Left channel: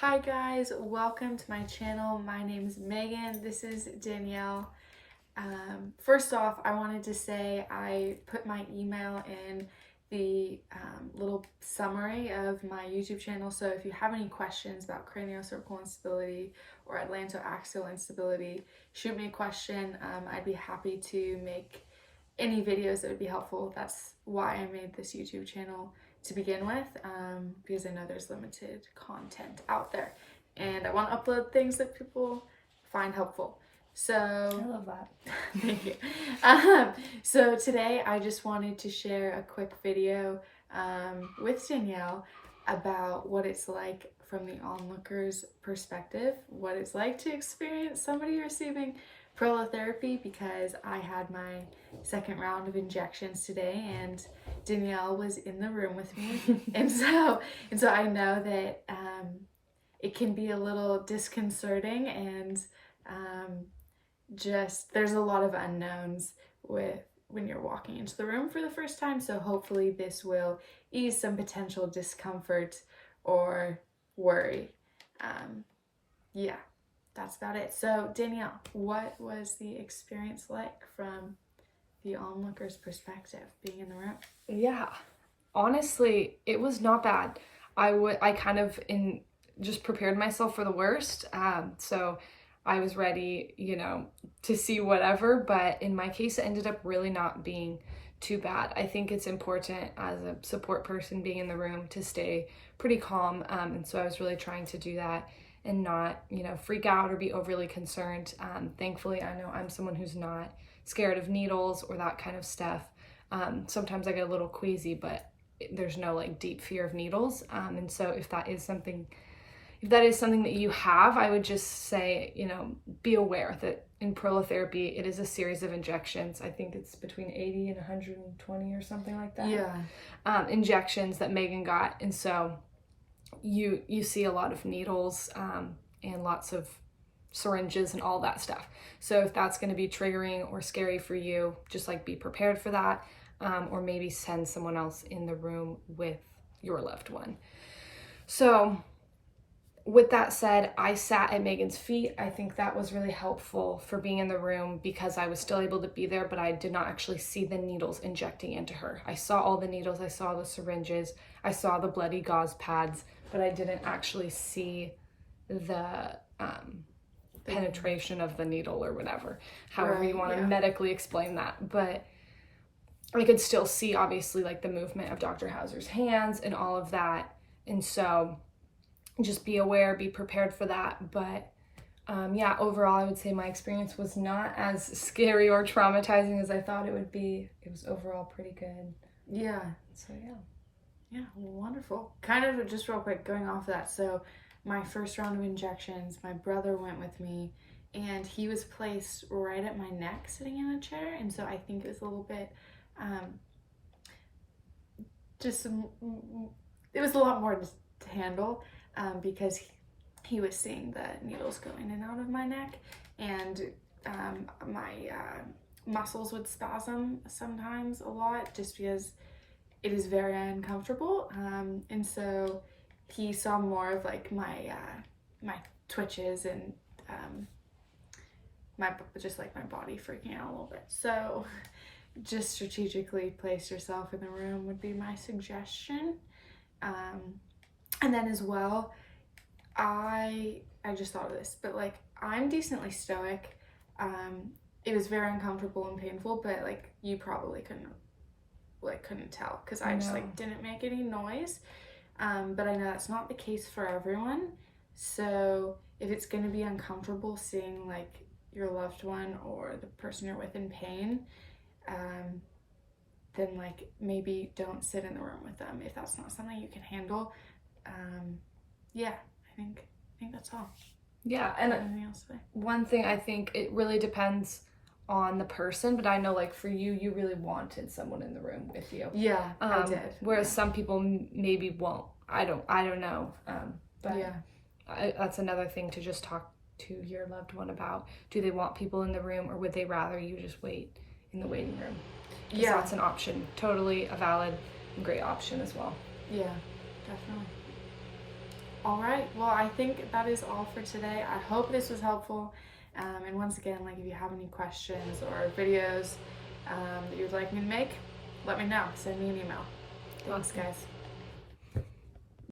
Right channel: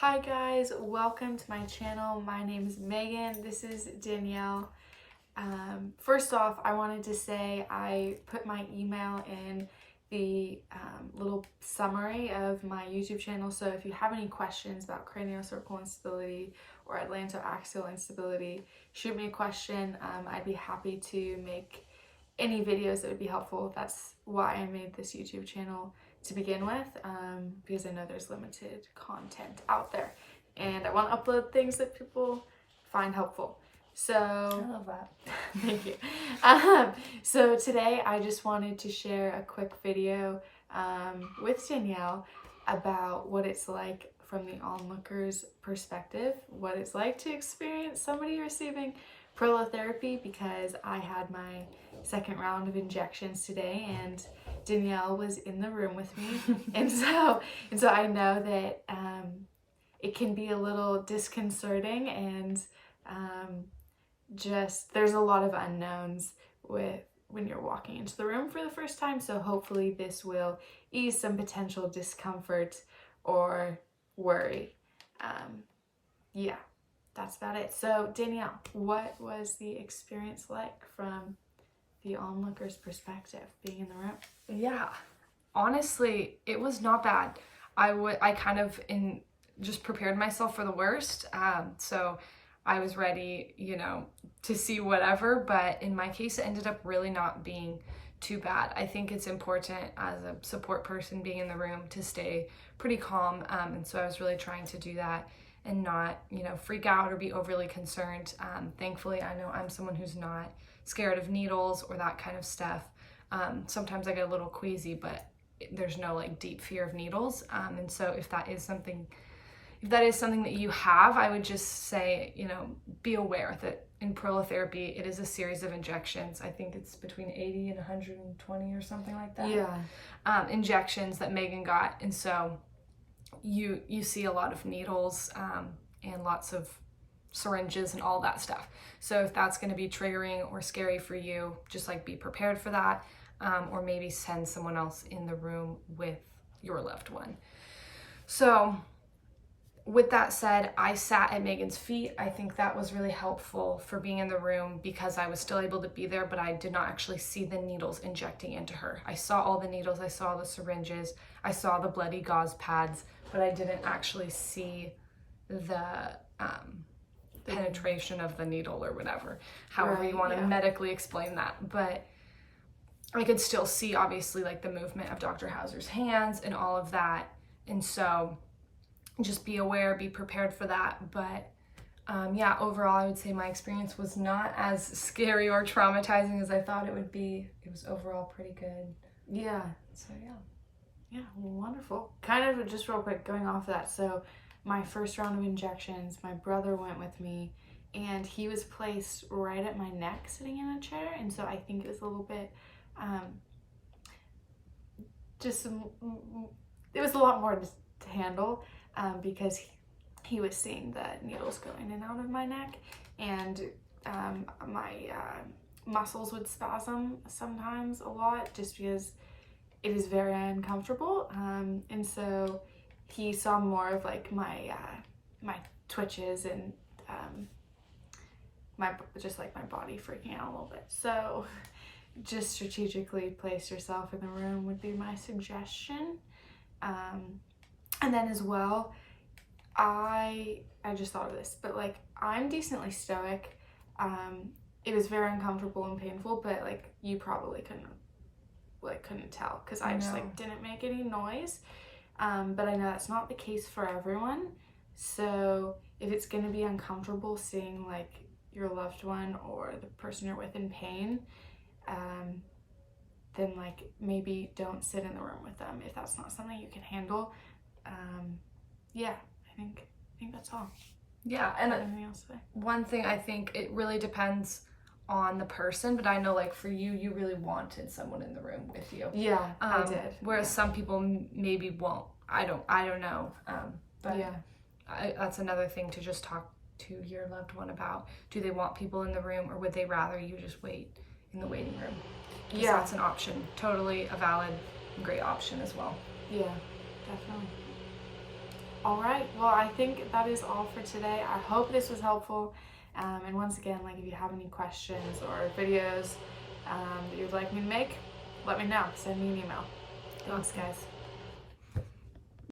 Hi guys, welcome to my channel. My name is Megan. This is Danielle. First off, I wanted to say I put my email in the little summary of my YouTube channel. So if you have any questions about craniocervical instability or atlantoaxial instability, shoot me a question. I'd be happy to make any videos that would be helpful. That's why I made this YouTube channel to begin with, because I know there's limited content out there and I want to upload things that people find helpful. So I love that. thank you. So today I just wanted to share a quick video with Danielle about what it's like from the onlooker's perspective, what it's like to experience somebody receiving prolotherapy, because I had my second round of injections today and Danielle was in the room with me. and so I know that it can be a little disconcerting and just there's a lot of unknowns with when you're walking into the room for the first time. So hopefully this will ease some potential discomfort or worry. Yeah, that's about it. So Danielle, what was the experience like from the onlooker's perspective, being in the room? Yeah, honestly, it was not bad. I kind of just prepared myself for the worst. So I was ready, to see whatever, but in my case, it ended up really not being too bad. I think it's important as a support person being in the room to stay pretty calm. And so I was really trying to do that and not, freak out or be overly concerned. Thankfully, I know I'm someone who's not scared of needles or that kind of stuff. Sometimes I get a little queasy, but there's no deep fear of needles. And so if that is something that you have, I would just say, be aware that in prolotherapy, it is a series of injections. I think it's between 80 and 120 or something like that. Yeah. Injections that Megan got. And so you see a lot of needles and lots of syringes and all that stuff. So if that's going to be triggering or scary for you, just be prepared for that, or maybe send someone else in the room with your loved one. So with that said, I sat at Megan's feet. I think that was really helpful for being in the room because I was still able to be there, but I did not actually see the needles injecting into her. I saw all the needles, I saw the syringes, I saw the bloody gauze pads, but I didn't actually see the penetration of the needle or whatever, however you want to medically explain that. But I could still see, obviously, the movement of Dr. Hauser's hands and all of that. And so just be aware, be prepared for that. But yeah, overall, I would say my experience was not as scary or traumatizing as I thought it would be. It was overall pretty good. Yeah. So yeah. Yeah, wonderful. Kind of just real quick, going off that. So my first round of injections, my brother went with me and he was placed right at my neck sitting in a chair. And so I think it was a little bit, it was a lot more to handle because he was seeing the needles go in and out of my neck, and my muscles would spasm sometimes a lot just because it is very uncomfortable. And so he saw more of my twitches and my body freaking out a little bit. So just strategically place yourself in the room would be my suggestion. And then as well, I just thought of this, but I'm decently stoic. It was very uncomfortable and painful, but you probably couldn't tell because I just didn't make any noise. But I know that's not the case for everyone. So if it's going to be uncomfortable seeing your loved one or the person you're with in pain, then maybe don't sit in the room with them if that's not something you can handle. Yeah, I think that's all. Yeah, and one thing, I think it really depends on the person, but I know for you really wanted someone in the room with you. Yeah, I did. Whereas some people maybe won't. I don't know. But yeah, that's another thing to just talk to your loved one about. Do they want people in the room, or would they rather you just wait in the waiting room? Yeah, that's an option. Totally a valid and great option as well. Yeah, definitely. All right, well, I think that is all for today. I hope this was helpful. And once again, like, if you have any questions or videos that you'd like me to make, let me know. Send me an email. Thanks, Awesome. guys.